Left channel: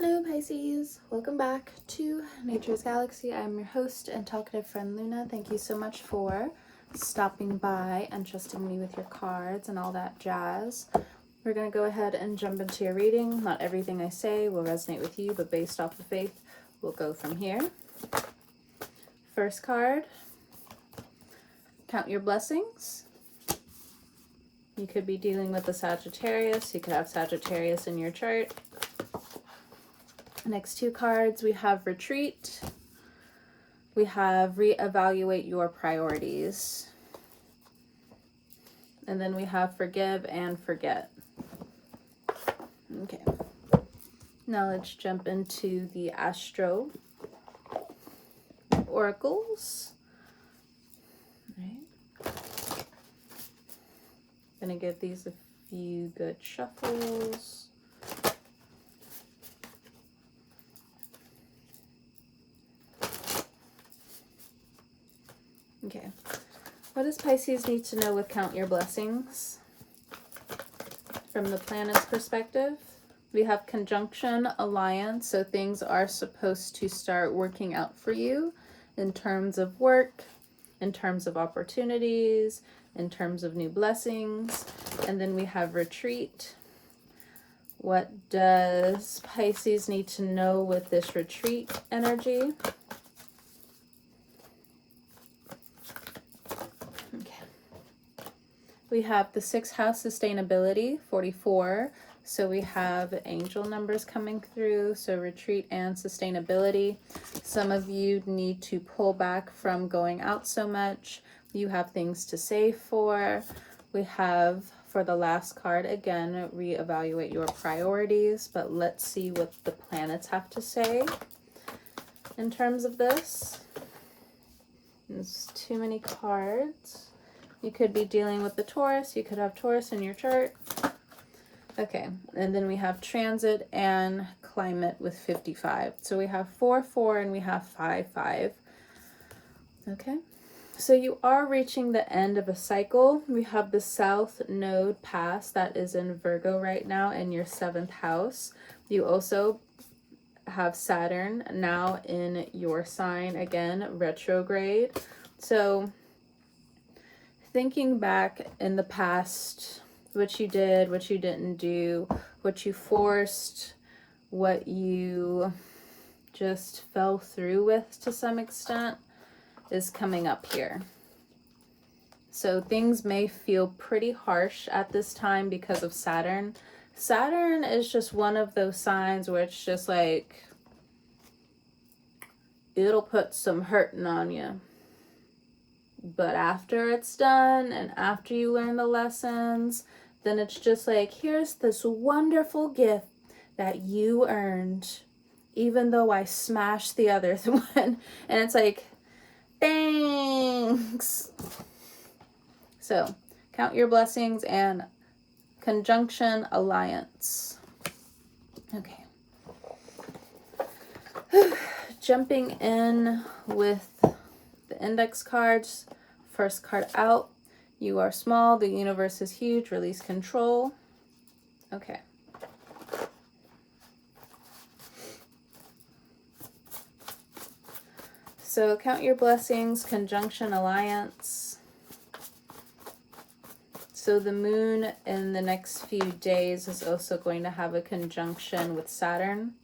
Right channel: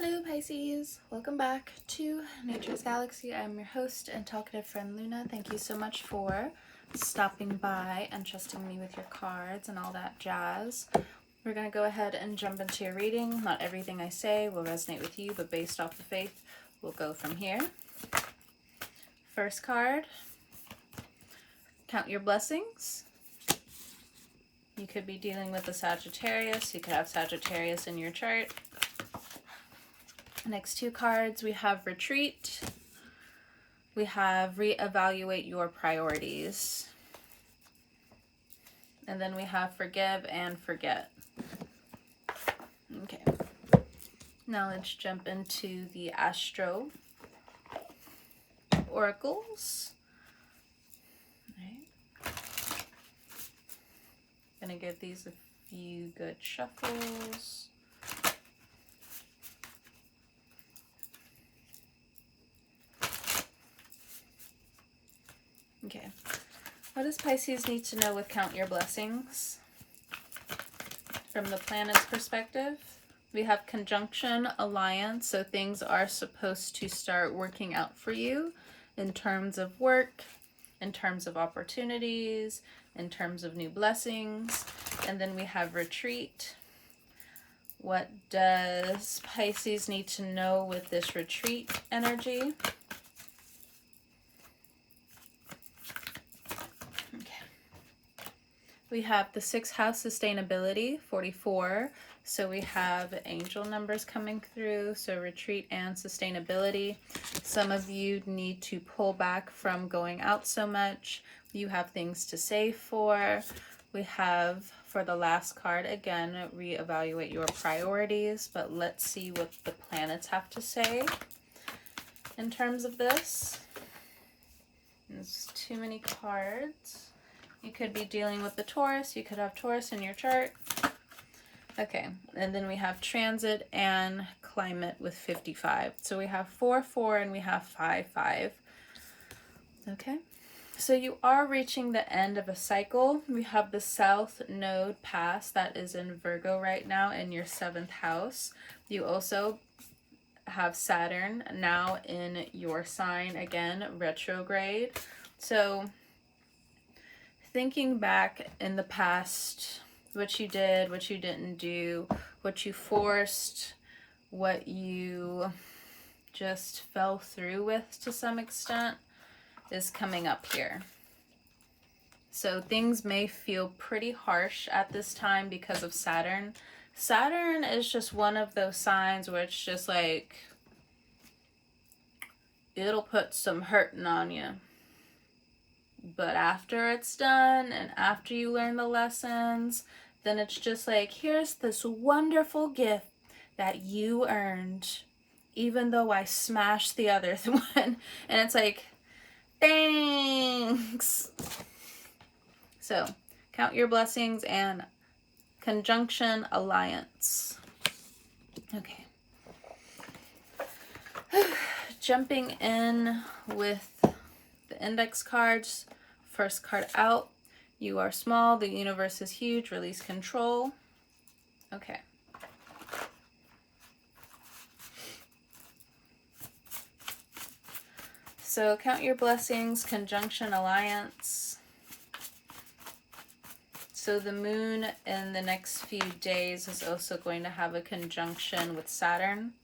Hello Pisces, welcome back to Nature's Galaxy. I'm your host and talkative friend Luna. Thank you so much for stopping by and trusting me with your cards and all that jazz. We're going to go ahead and jump into your reading. Not everything I say will resonate with you, but based off the faith, we'll go from here. First card, count your blessings. You could be dealing with a Sagittarius. You could have Sagittarius in your chart. Next two cards, we have retreat. We have reevaluate your priorities. And then we have forgive and forget. Okay. Now let's jump into the Astro Oracles. All right. Gonna give these a few good shuffles. Okay, what does Pisces need to know with count your blessings? From the planet's perspective, we have conjunction, alliance, so things are supposed to start working out for you in terms of work, in terms of opportunities, in terms of new blessings. And then we have retreat. What does Pisces need to know with this retreat energy? We have the 6th house, sustainability, 44. So we have angel numbers coming through. So retreat and sustainability. Some of you need to pull back from going out so much. You have things to save for. We have, for the last card, again, reevaluate your priorities. But let's see what the planets have to say in terms of this. There's too many cards. You could be dealing with the Taurus. You could have Taurus in your chart. Okay, and then we have transit and climate with 55. So we have 4-4 and we have 5-5. Okay, so you are reaching the end of a cycle. We have the South Node pass that is in Virgo right now in your 7th house. You also have Saturn now in your sign, again, retrograde. So thinking back in the past, what you did, what you didn't do, what you forced, what you just fell through with to some extent is coming up here. So things may feel pretty harsh at this time because of Saturn. Saturn is just one of those signs where it's just like, it'll put some hurting on you. But after it's done and after you learn the lessons, then it's just like, here's this wonderful gift that you earned, even though I smashed the other one. And it's like, thanks. So count your blessings and conjunction alliance. Okay. Jumping in with the index cards. First card out, you are small, the universe is huge, release control. Okay. So count your blessings, conjunction alliance. So the moon in the next few days is also going to have a conjunction with Saturn.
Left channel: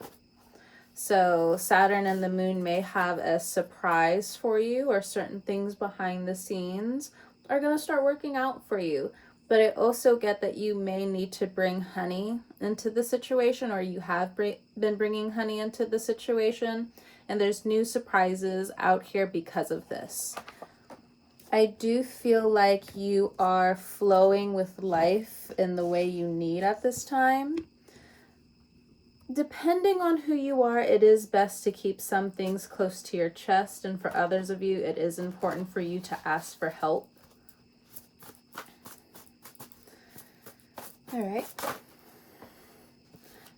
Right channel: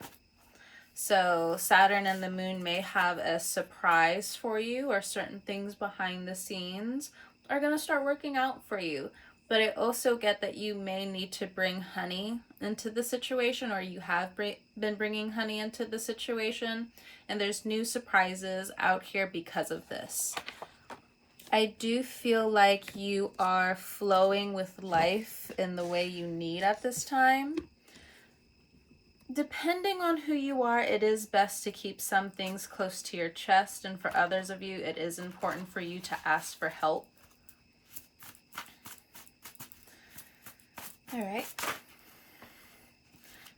So Saturn and the moon may have a surprise for you, or certain things behind the scenes are going to start working out for you. But I also get that you may need to bring honey into the situation, or you have been bringing honey into the situation. And there's new surprises out here because of this. I do feel like you are flowing with life in the way you need at this time. Depending on who you are, it is best to keep some things close to your chest, and for others of you, it is important for you to ask for help. All right.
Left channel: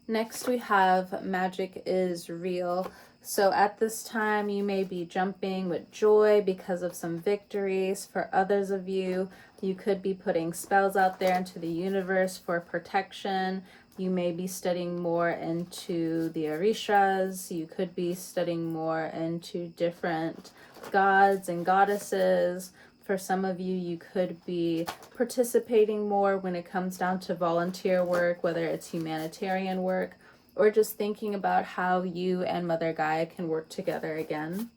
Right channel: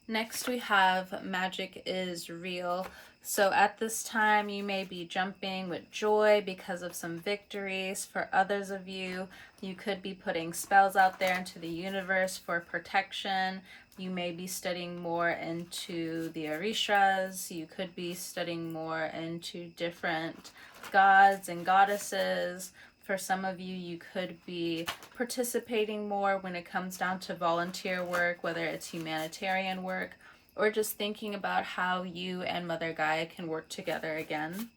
Next, we have magic is real. So at this time, you may be jumping with joy because of some victories. For others of you, you could be putting spells out there into the universe for protection. You may be studying more into the Orishas. You could be studying more into different gods and goddesses. For some of you, you could be participating more when it comes down to volunteer work, whether it's humanitarian work, or just thinking about how you and Mother Gaia can work together again.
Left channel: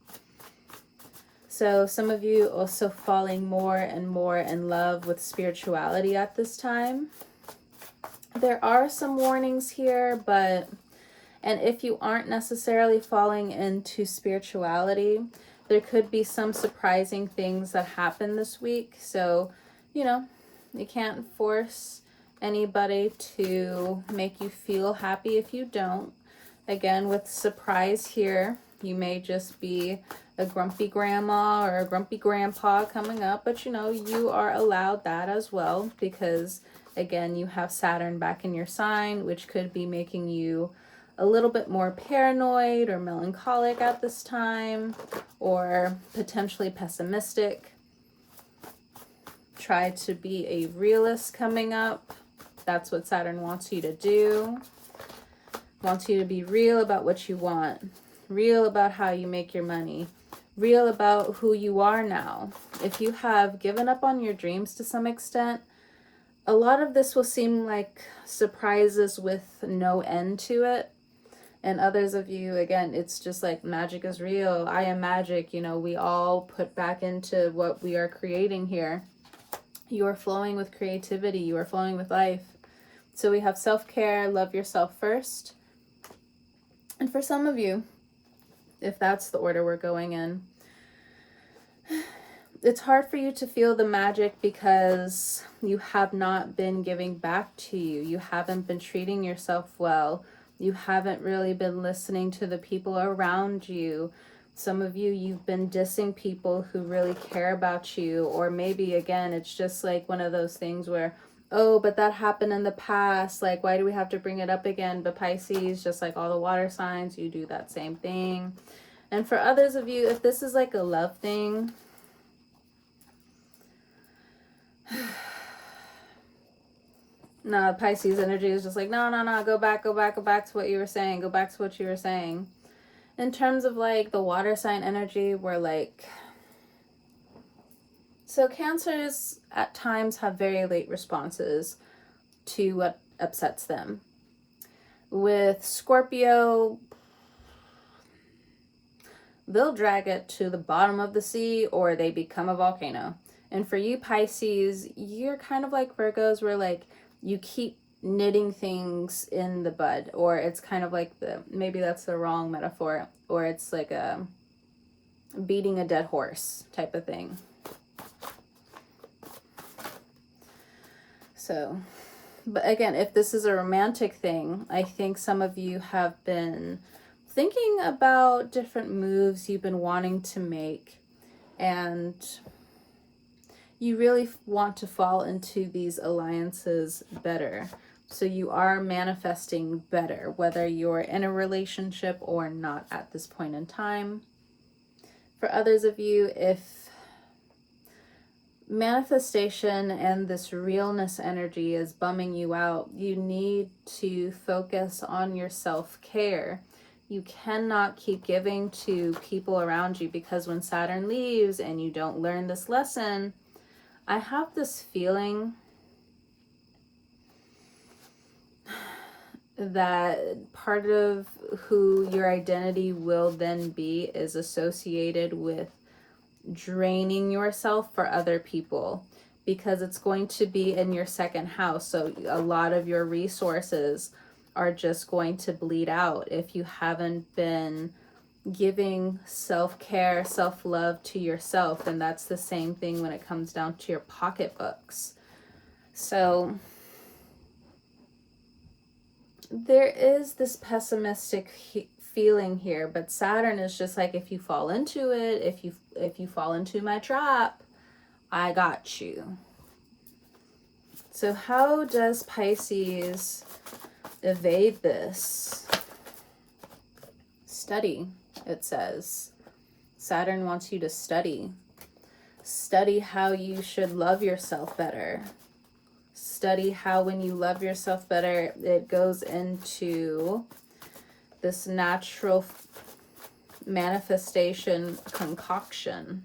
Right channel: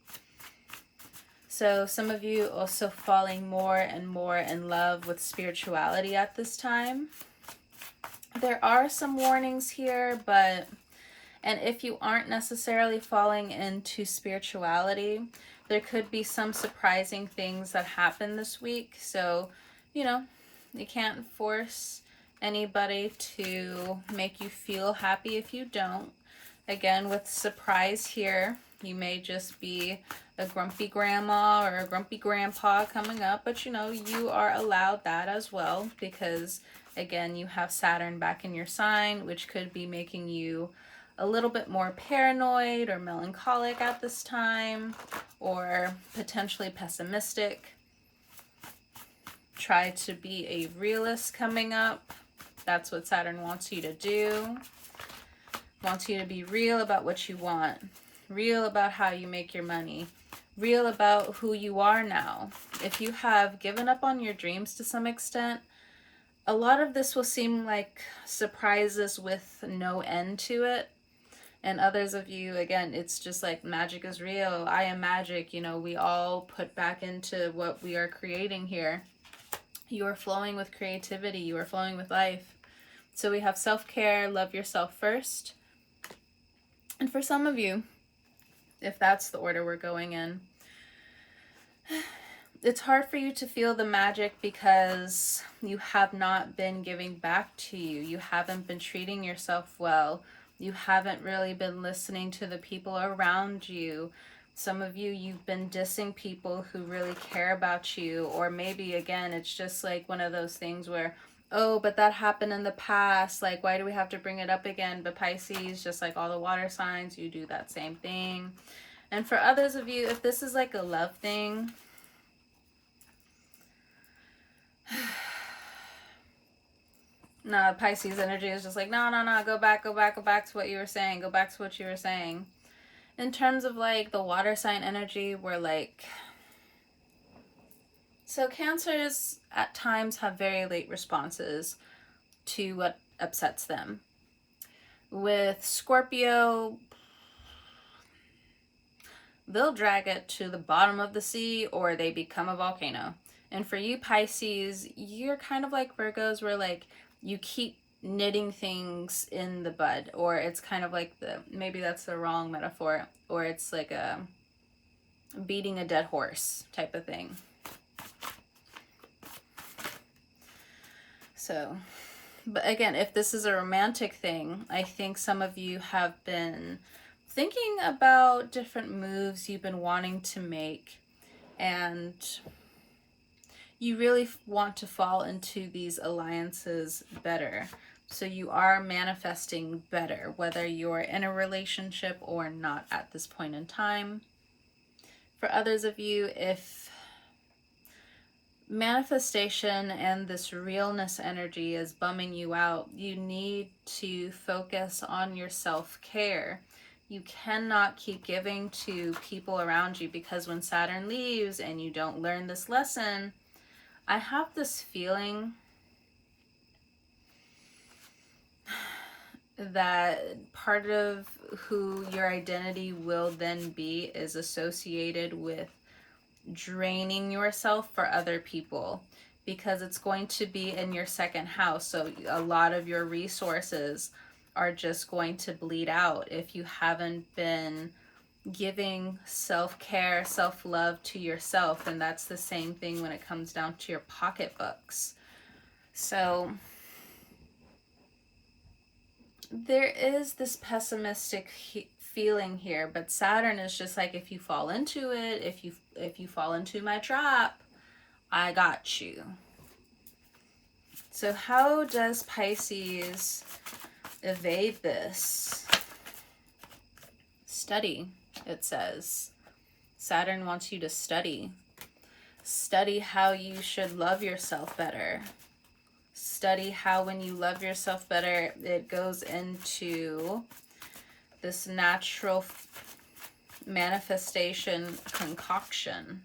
So some of you also falling more and more in love with spirituality at this time. There are some warnings here, and if you aren't necessarily falling into spirituality, there could be some surprising things that happen this week. So, you can't force anybody to make you feel happy if you don't. Again, with surprise here, you may just be a grumpy grandma or a grumpy grandpa coming up, but you are allowed that as well, because again, you have Saturn back in your sign, which could be making you a little bit more paranoid or melancholic at this time, or potentially pessimistic. Try to be a realist coming up. That's what Saturn wants you to do. Wants you to be real about what you want, real about how you make your money, real about who you are now. If you have given up on your dreams to some extent, a lot of this will seem like surprises with no end to it. And others of you, again, it's just like magic is real. I am magic. We all put back into what we are creating here. You are flowing with creativity. You are flowing with life. So we have self-care, love yourself first. And for some of you, if that's the order we're going in, it's hard for you to feel the magic because you have not been giving back to you. You haven't been treating yourself well. You haven't really been listening to the people around you. Some of you, you've been dissing people who really care about you. Or maybe, again, it's just like one of those things where, oh, but that happened in the past. Like, why do we have to bring it up again? But Pisces, just like all the water signs, you do that same thing. And for others of you, if this is like a love thing, no, Pisces energy is just like, no, go back to what you were saying. Go back to what you were saying. In terms of like the water sign energy, we're like, so Cancers at times have very late responses to what upsets them. With Scorpio, they'll drag it to the bottom of the sea or they become a volcano. And for you Pisces, you're kind of like Virgos, where like you keep knitting things in the bud, or it's kind of like maybe that's the wrong metaphor, or it's like a beating a dead horse type of thing. So, but again, if this is a romantic thing, I think some of you have been thinking about different moves you've been wanting to make, and you really want to fall into these alliances better. So you are manifesting better, whether you're in a relationship or not at this point in time. For others of you, if manifestation and this realness energy is bumming you out, you need to focus on your self-care. You cannot keep giving to people around you, because when Saturn leaves and you don't learn this lesson, I have this feeling that part of who your identity will then be is associated with draining yourself for other people, because it's going to be in your second house. So a lot of your resources are just going to bleed out if you haven't been giving self-care, self-love to yourself. And that's the same thing when it comes down to your pocketbooks. So there is this pessimistic feeling here, but Saturn is just like, if you fall into it, if you fall into my trap, I got you. So how does Pisces evade this? Study, it says. Saturn wants you to study. Study how you should love yourself better. study how when you love yourself better, it goes into this natural manifestation concoction.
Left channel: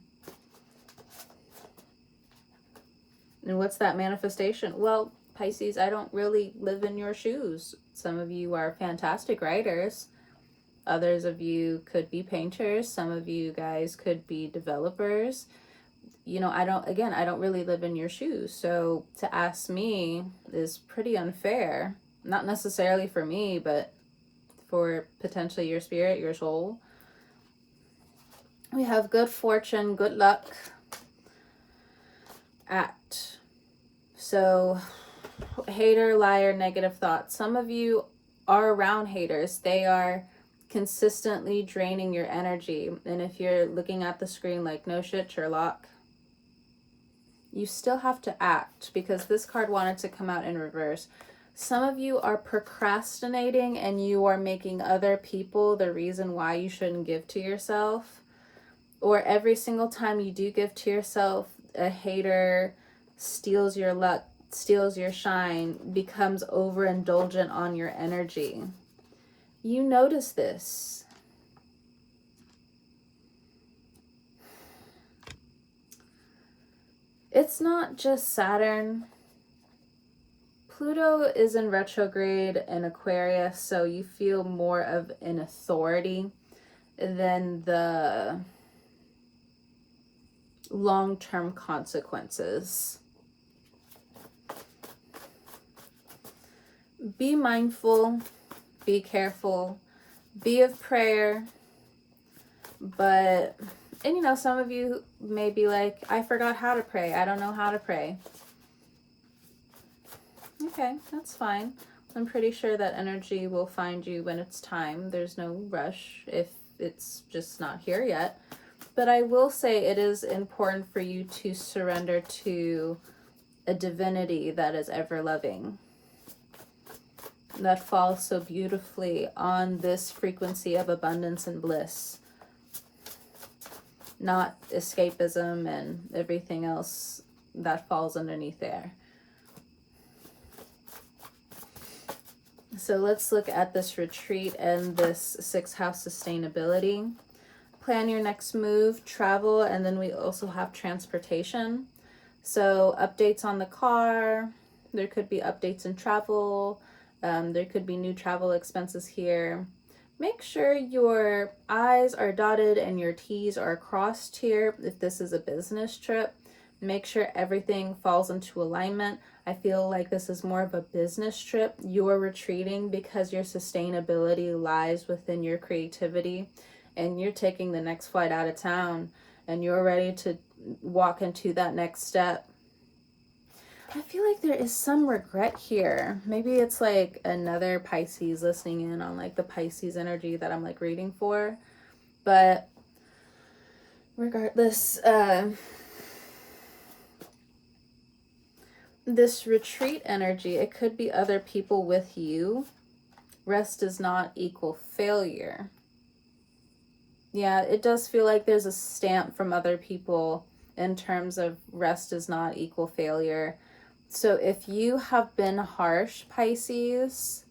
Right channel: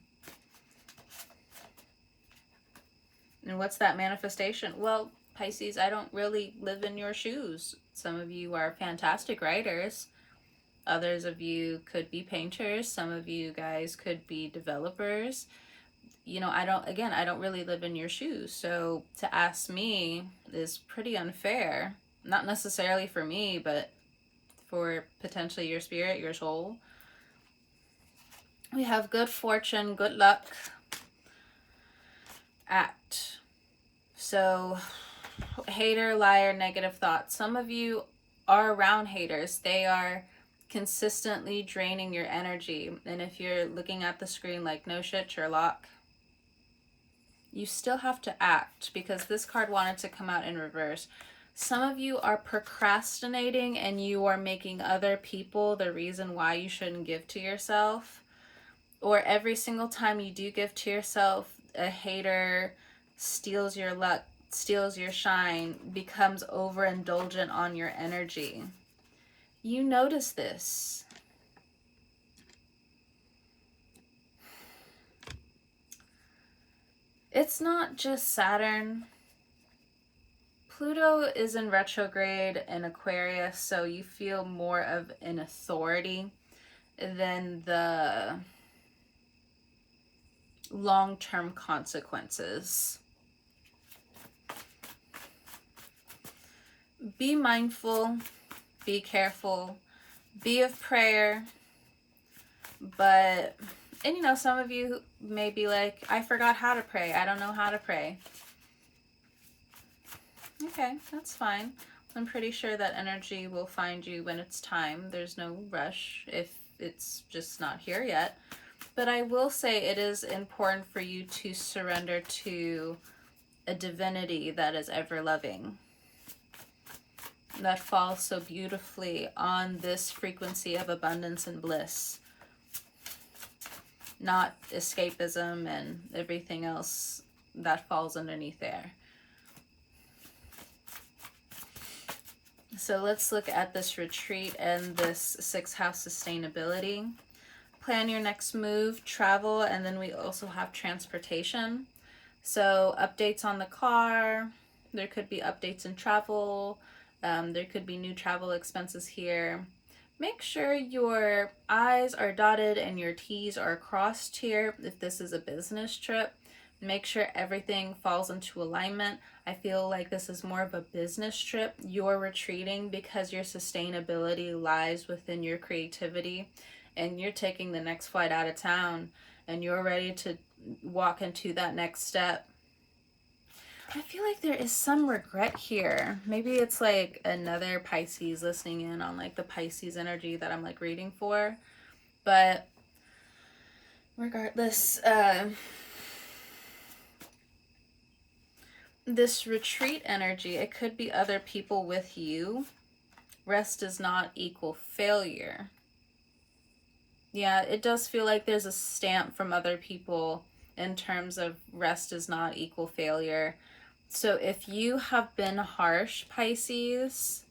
And what's that manifestation? Well, Pisces, I don't really live in your shoes. Some of you are fantastic writers. Others of you could be painters. Some of you guys could be developers. You know, I don't really live in your shoes. So to ask me is pretty unfair. Not necessarily for me, but for potentially your spirit, your soul. We have good fortune, good luck, act. So hater, liar, negative thoughts. Some of you are around haters. They are consistently draining your energy. And if you're looking at the screen like, no shit, Sherlock, you still have to act, because this card wanted to come out in reverse. Some of you are procrastinating and you are making other people the reason why you shouldn't give to yourself. Or every single time you do give to yourself, a hater steals your luck, steals your shine, becomes overindulgent on your energy. You notice this. It's not just Saturn. Pluto is in retrograde in Aquarius, so you feel more of an authority than the long-term consequences. Be mindful, be careful, be of prayer, but, and you know, some of you may be like, I forgot how to pray. I don't know how to pray. Okay, that's fine. I'm pretty sure that energy will find you when it's time. There's no rush if it's just not here yet. But I will say it is important for you to surrender to a divinity that is ever loving, that falls so beautifully on this frequency of abundance and bliss, not escapism and everything else that falls underneath there. So let's look at this retreat and this 6th house sustainability. Plan your next move, travel, and then we also have transportation. So updates on the car, there could be updates in travel, there could be new travel expenses here. Make sure your I's are dotted and your T's are crossed here if this is a business trip. Make sure everything falls into alignment. I feel like this is more of a business trip. You're retreating because your sustainability lies within your creativity, and you're taking the next flight out of town and you're ready to walk into that next step. I feel like there is some regret here. Maybe it's like another Pisces listening in on like the Pisces energy that I'm like reading for. But regardless, this retreat energy, it could be other people with you. Rest does not equal failure. Yeah, it does feel like there's a stamp from other people in terms of rest does not equal failure. So if you have been harsh, Pisces,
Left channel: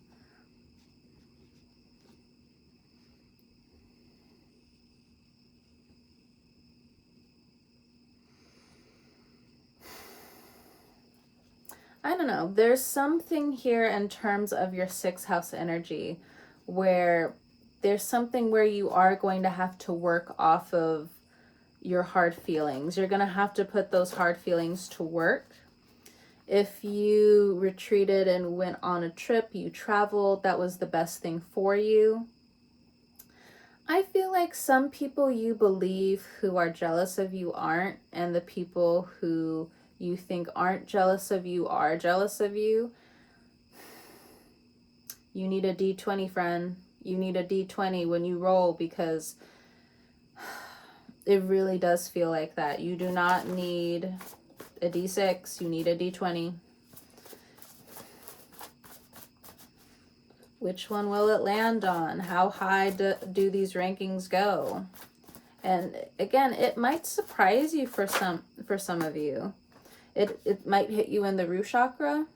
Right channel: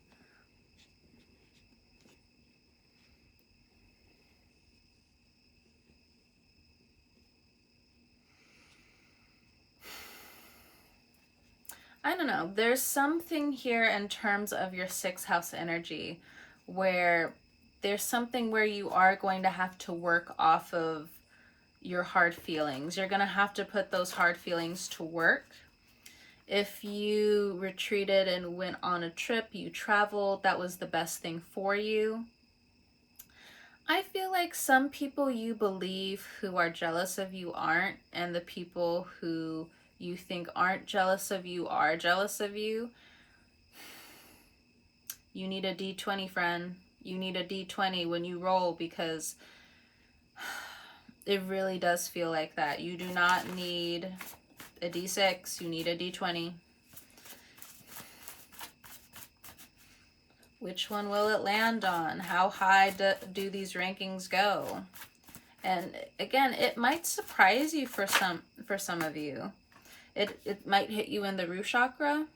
I don't know, there's something here in terms of your 6th house energy where there's something where you are going to have to work off of your hard feelings. You're going to have to put those hard feelings to work. If you retreated and went on a trip, you traveled, that was the best thing for you. I feel like some people you believe who are jealous of you aren't, and the people who you think aren't jealous of you are jealous of you. You need a D20, friend. You need a D20 when you roll, because it really does feel like that. You do not need a D6, you need a D20. Which one will it land on? How high do these rankings go? And again, it might surprise you for some of you. It might hit you in the root chakra.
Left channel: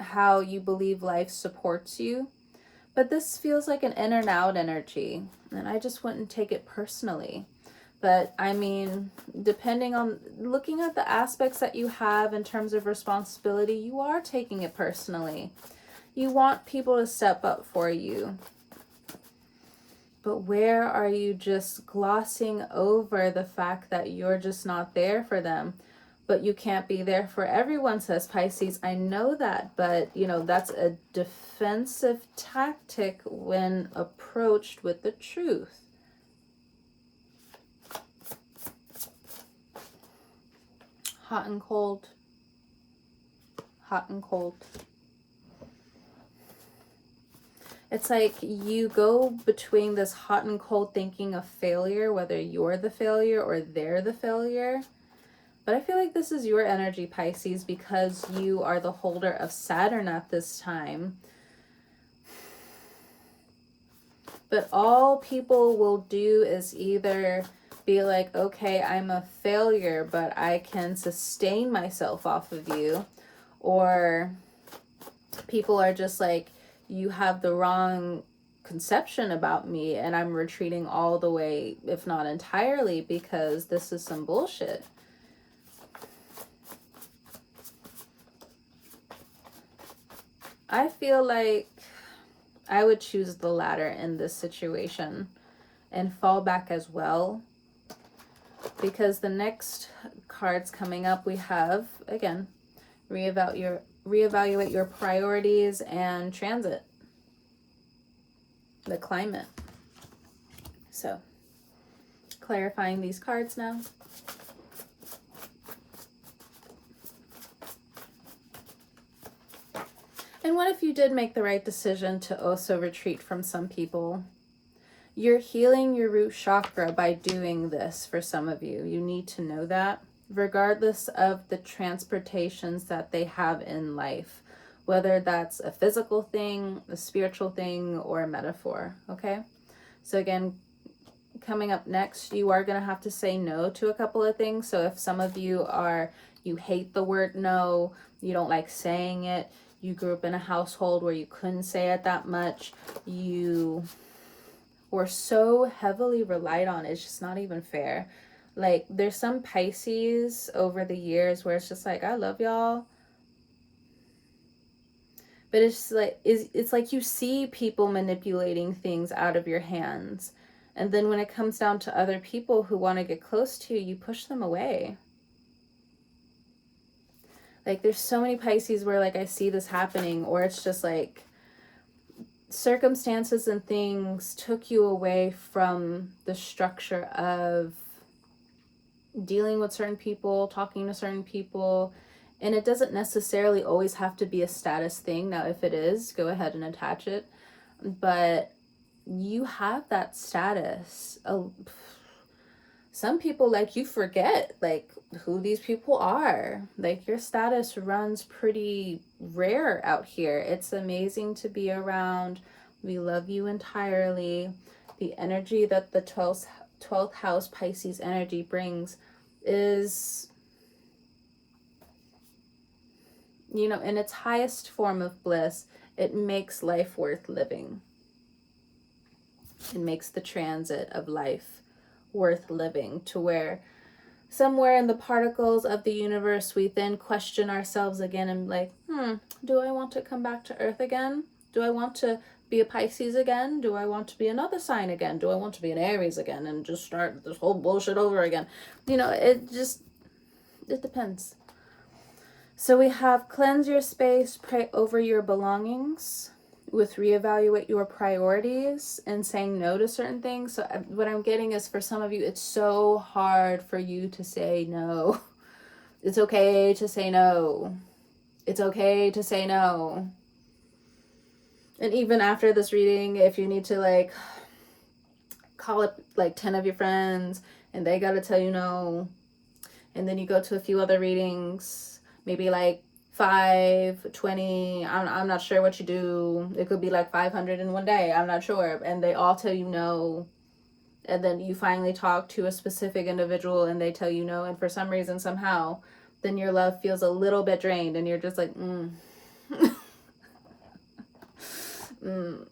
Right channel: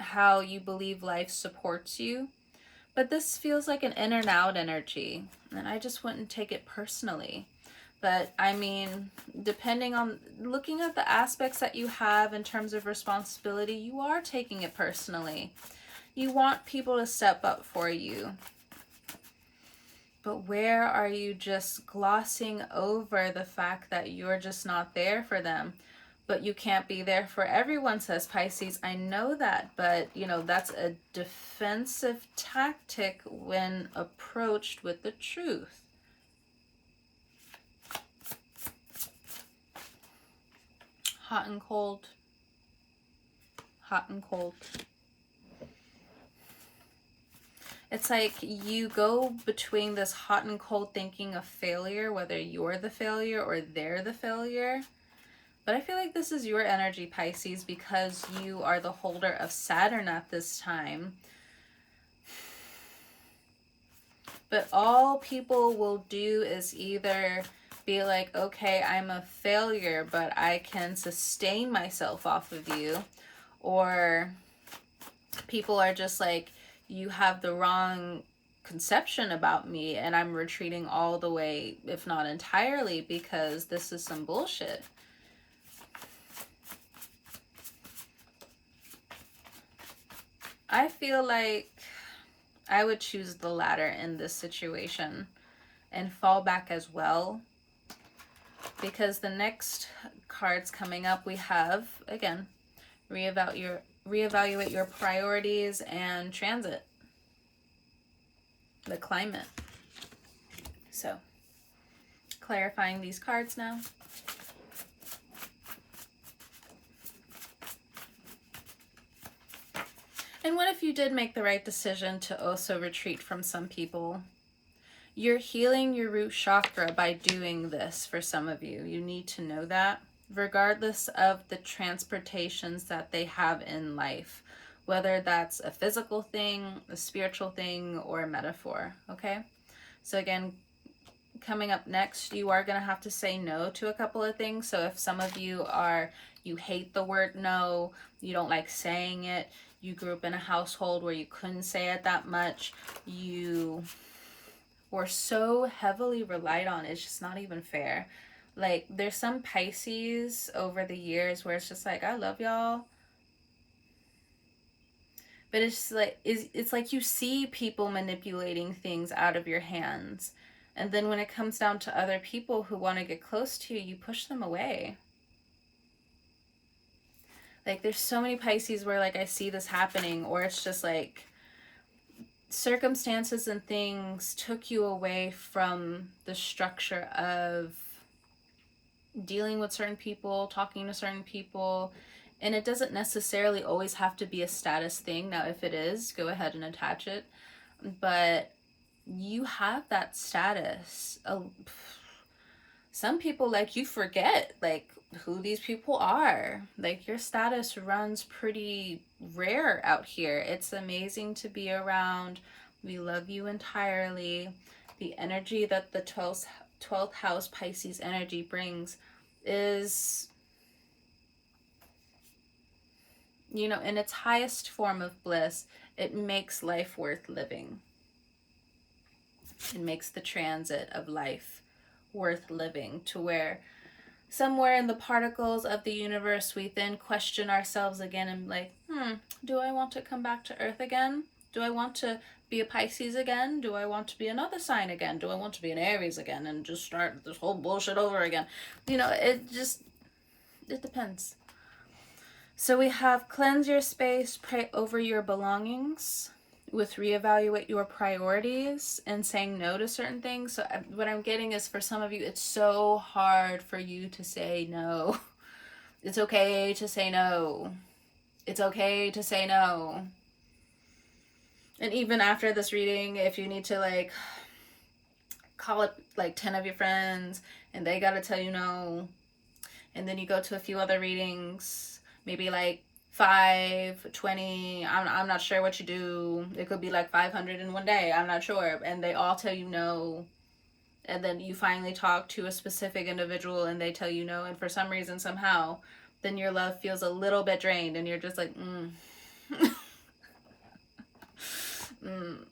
how you believe life supports you. But this feels like an in and out energy, and I just wouldn't take it personally. But I mean, depending on looking at the aspects that you have in terms of responsibility, you are taking it personally. You want people to step up for you. But where are you just glossing over the fact that you're just not there for them? But you can't be there for everyone, says Pisces. I know that, but you know, that's a defensive tactic when approached with the truth. Hot and cold. Hot and cold. It's like you go between this hot and cold thinking of failure, whether you're the failure or they're the failure. But I feel like this is your energy, Pisces, because you are the holder of Saturn at this time. But all people will do is either be like, okay, I'm a failure, but I can sustain myself off of you. Or people are just like, you have the wrong conception about me and I'm retreating all the way, if not entirely, because this is some bullshit. I feel like I would choose the latter in this situation and fall back as well, because the next cards coming up, we have, again, reevaluate your priorities and transit, the climate. So, clarifying these cards now. And what if you did make the right decision to also retreat from some people? You're healing your root chakra by doing this for some of you. You need to know that, regardless of the transportations that they have in life, whether that's a physical thing, a spiritual thing, or a metaphor, okay? So again, coming up next, you are going to have to say no to a couple of things. So if some of you hate the word no, you don't like saying it, you grew up in a household where you couldn't say it that much, you were so heavily relied on, it's just not even fair. Like, there's some Pisces over the years where it's just like, I love y'all, but it's like you see people manipulating things out of your hands, and then when it comes down to other people who want to get close to you, you push them away. Like, there's so many Pisces where, like, I see this happening, or it's just like circumstances and things took you away from the structure of dealing with certain people, talking to certain people. And it doesn't necessarily always have to be a status thing. Now, if it is, go ahead and attach it. But you have that status. Some people, like, you forget, like, who these people are. Like, your status runs pretty rare out here. It's amazing to be around. We love you entirely. The energy that the 12th house Pisces energy brings is, you know, in its highest form of bliss, it makes life worth living. It makes the transit of life worth living, to where somewhere in the particles of the universe, we then question ourselves again and like, do I want to come back to Earth again? Do I want to be a Pisces again? Do I want to be another sign again? Do I want to be an Aries again and just start this whole bullshit over again? You know, it depends. So we have cleanse your space, pray over your belongings, with reevaluate your priorities and saying no to certain things. So what I'm getting is, for some of you, it's so hard for you to say no. It's okay to say no. It's okay to say no. And even after this reading, if you need to, like, call up like 10 of your friends and they got to tell you no, and then you go to a few other readings, maybe like 5, 20, I'm not sure what you do. It could be like 500 in one day, I'm not sure. And they all tell you no. And then you finally talk to a specific individual and they tell you no. And for some reason, somehow, then your love feels a little bit drained and you're just like, All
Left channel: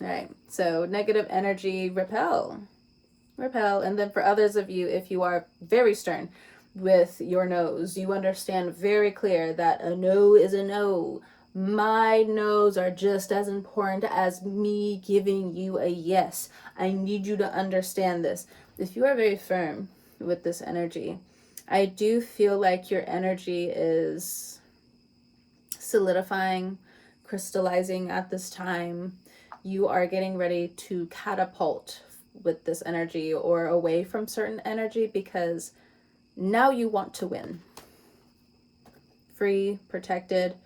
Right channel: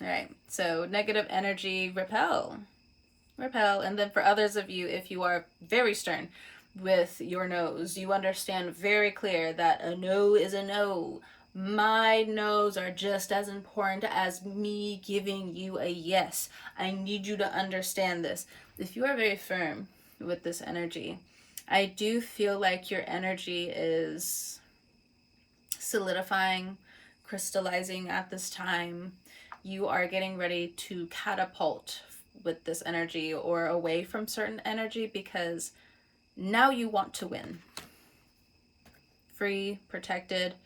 right, so negative energy, repel. And then for others of you, if you are very stern with your no's, you understand very clear that a no is a no. My no's are just as important as me giving you a yes. I need you to understand this. If you are very firm with this energy, I do feel like your energy is solidifying, crystallizing at this time. You are getting ready to catapult with this energy or away from certain energy because now you want to win. Free, protected,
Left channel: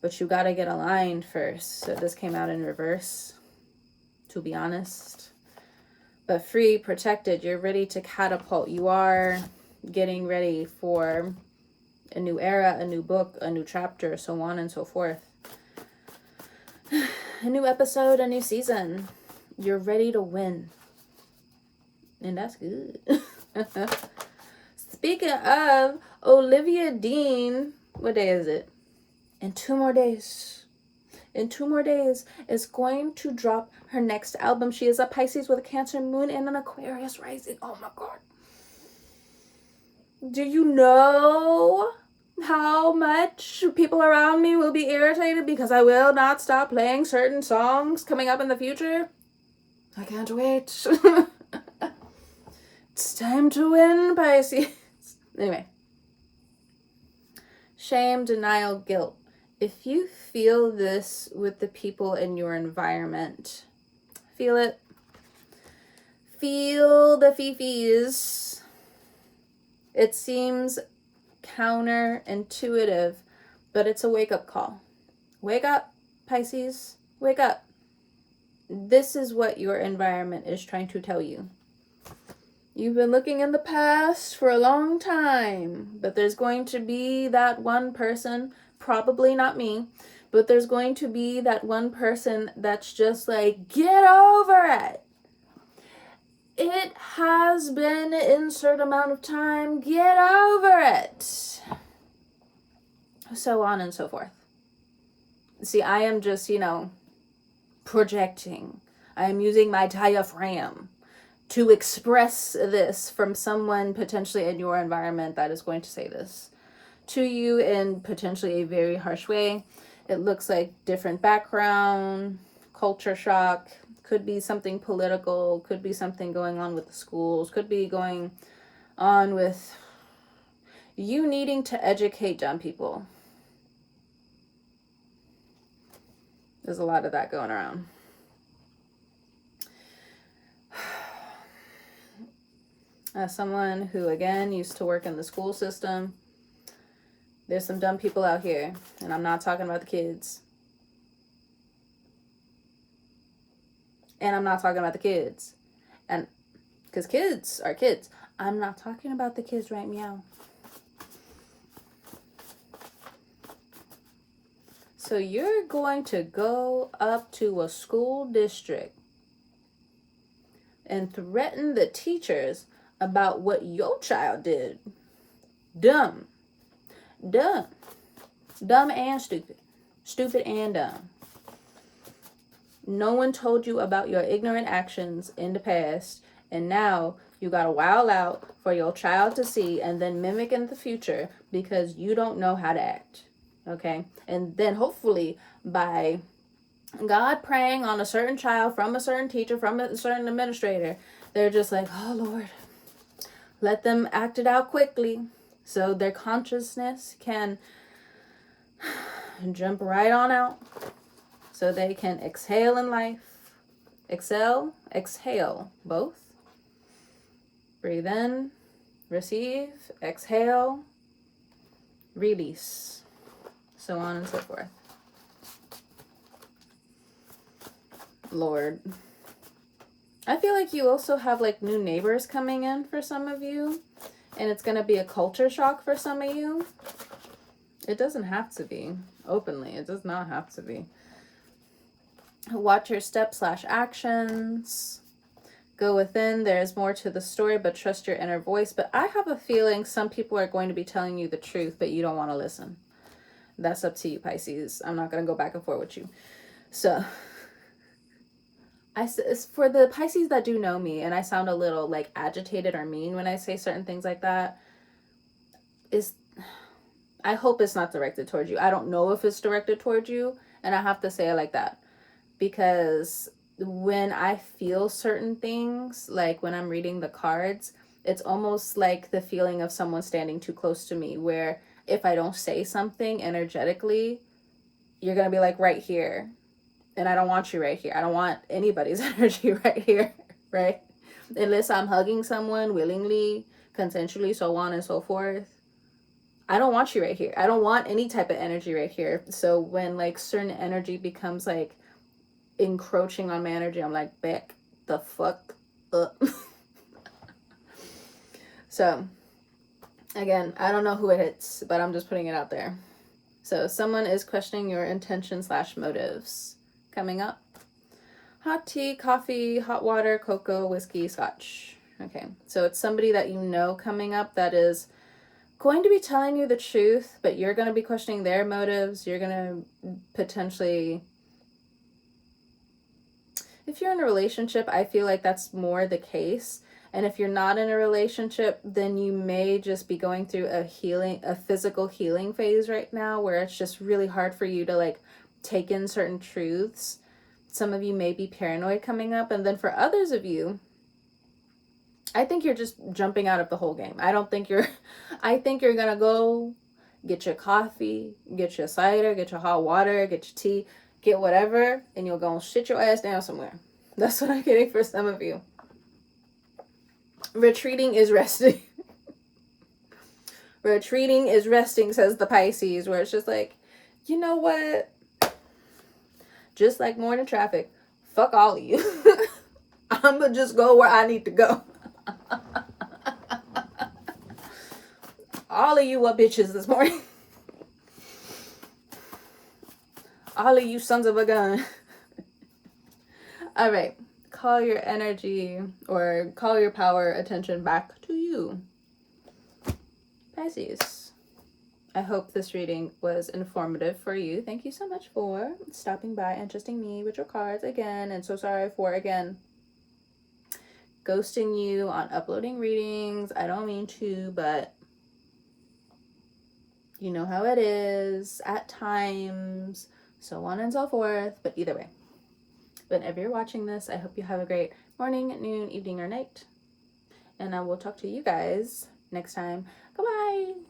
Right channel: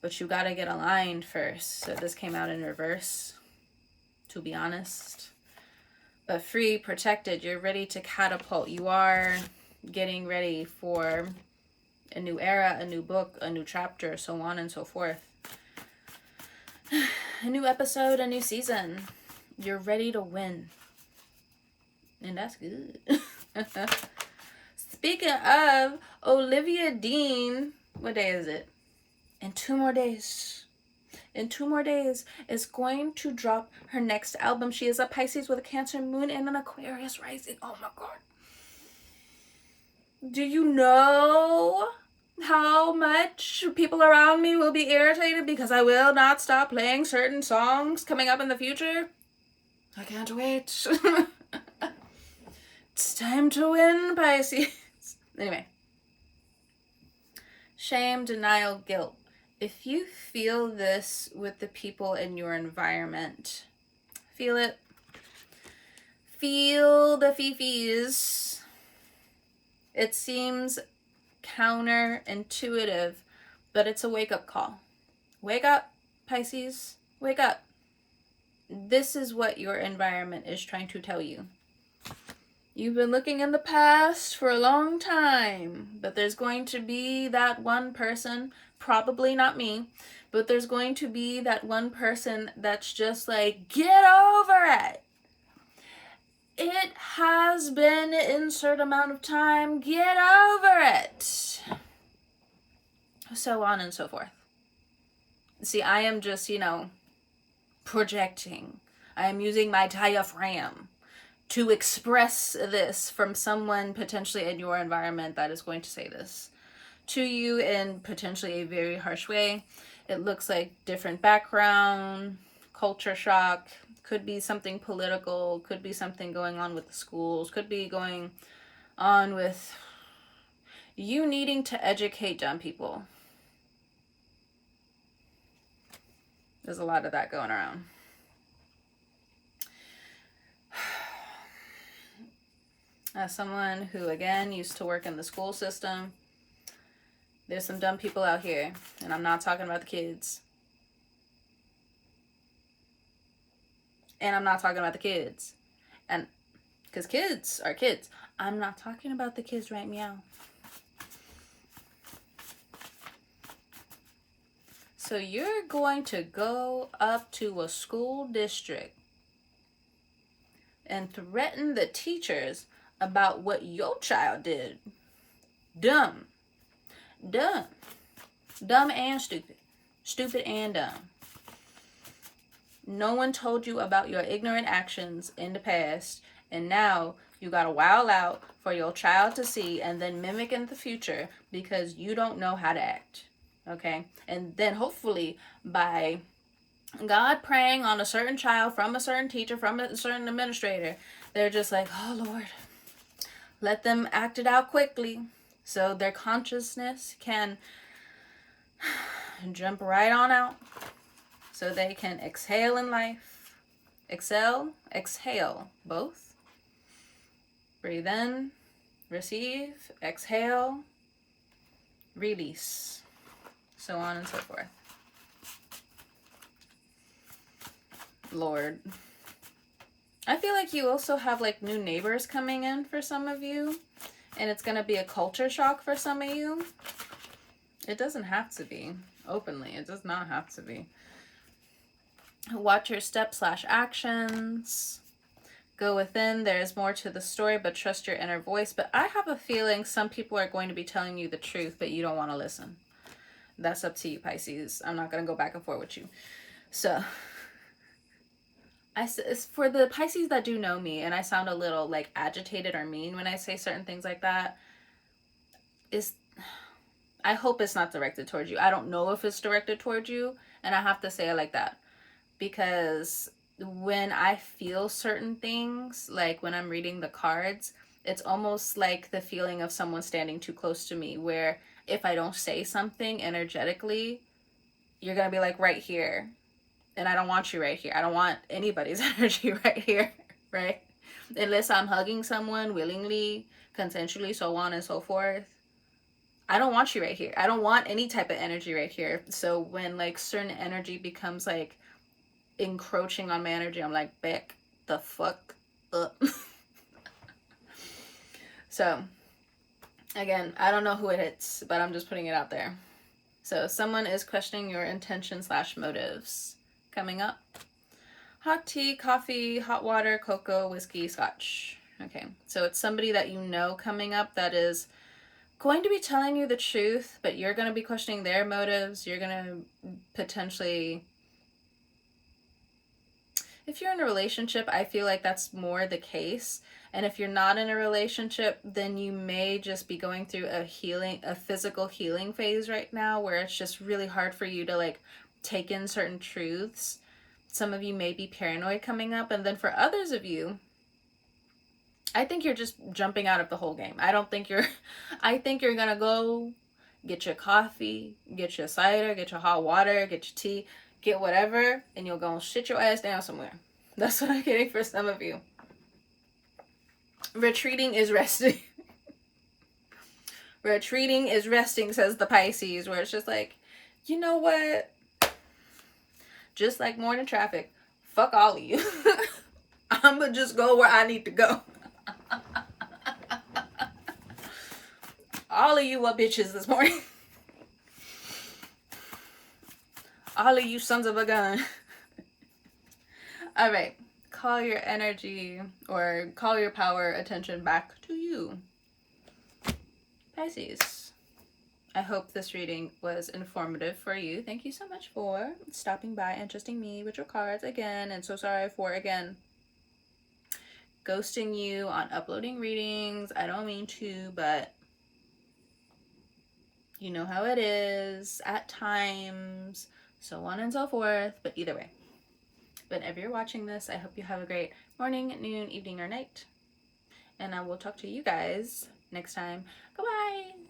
but you got to get aligned first. So this came out in reverse, to be honest. But free, protected, you're ready to catapult. You are getting ready for a new era, a new book, a new chapter, so on and so forth. A new episode, a new season. You're ready to win. And that's good. Speaking of Olivia Dean, what day is it? In 2 more days. In 2 more days is going to drop her next album. She is a Pisces with a Cancer moon and an Aquarius rising. Oh my God. Do you know how much people around me will be irritated because I will not stop playing certain songs coming up in the future? I can't wait. It's time to win, Pisces. Anyway. Shame, denial, guilt. If you feel this with the people in your environment, feel it. Feel the fifis. It seems counterintuitive, but it's a wake-up call. Wake up, Pisces. Wake up. This is what your environment is trying to tell you. You've been looking in the past for a long time, but there's going to be that one person, probably not me, but there's going to be that one person that's just like, get over it. It has been insert amount of time, get over it. So on and so forth. See, I am just, projecting. I am using my diaphragm to express this from someone potentially in your environment that is going to say this to you in potentially a very harsh way. It looks like different background, culture shock, could be something political, could be something going on with the schools, could be going on with you needing to educate dumb people. There's a lot of that going around. As someone who, again, used to work in the school system, there's some dumb people out here, and I'm not talking about the kids. And I'm not talking about the kids. And because kids are kids. I'm not talking about the kids, right? Meow. So you're going to go up to a school district and threaten the teachers about what your child did. Dumb. Dumb and stupid. Stupid and dumb. No one told you about your ignorant actions in the past, and now you gotta wow out for your child to see and then mimic in the future because you don't know how to act. Okay? And then hopefully by God praying on a certain child from a certain teacher, from a certain administrator, they're just like, oh Lord, let them act it out quickly so their consciousness can jump right on out so they can exhale in life. Exhale, both. Breathe in, receive, exhale, release, so on and so forth. Lord. I feel like you also have like new neighbors coming in for some of you, and it's going to be a culture shock for some of you. It doesn't have to be openly. It does not have to be. Watch your steps/actions. Go within. There's more to the story, but trust your inner voice. But I have a feeling some people are going to be telling you the truth, but you don't want to listen. That's up to you, Pisces. I'm not going to go back and forth with you. So it's for the Pisces that do know me, and I sound a little like agitated or mean when I say certain things like that, is I hope it's not directed towards you. I don't know if it's directed towards you, and I have to say it like that because when I feel certain things, like when I'm reading the cards, it's almost like the feeling of someone standing too close to me, where if I don't say something energetically, you're going to be like right here. And I don't want you right here. I don't want anybody's energy right here, right? Unless I'm hugging someone willingly, consensually, so on and so forth. I don't want you right here. I don't want any type of energy right here. So when like certain energy becomes like encroaching on my energy, I'm like, back the fuck up. So again, I don't know who it hits, but I'm just putting it out there. So someone is questioning your intention / motives. Coming up, hot tea, coffee, hot water, cocoa, whiskey, scotch. Okay, so it's somebody that you know coming up that is going to be telling you the truth, but you're going to be questioning their motives. You're going to potentially, if you're in a relationship, I feel like that's more the case. And if you're not in a relationship, then you may just be going through a physical healing phase right now where it's just really hard for you to like take in certain truths. Some of you may be paranoid coming up. And then for others of you, I think you're just jumping out of the whole game. I think you're going to go get your coffee, get your cider, get your hot water, get your tea, get whatever, and you'll go and shit your ass down somewhere. That's what I'm getting for some of you. Retreating is resting. Retreating is resting, says the Pisces, where it's just like, you know what? Just like morning traffic, fuck all of you. I'm going to just go where I need to go. All of you are bitches this morning. All of you sons of a gun. All right. Call your energy or call your power attention back to you. Pisces. I hope this reading was informative for you. Thank you so much for stopping by and trusting me with your cards again. And so sorry for, again, ghosting you on uploading readings. I don't mean to, but you know how it is at times, so on and so forth. But either way, whenever you're watching this, I hope you have a great morning, noon, evening, or night. And I will talk to you guys next time. Goodbye.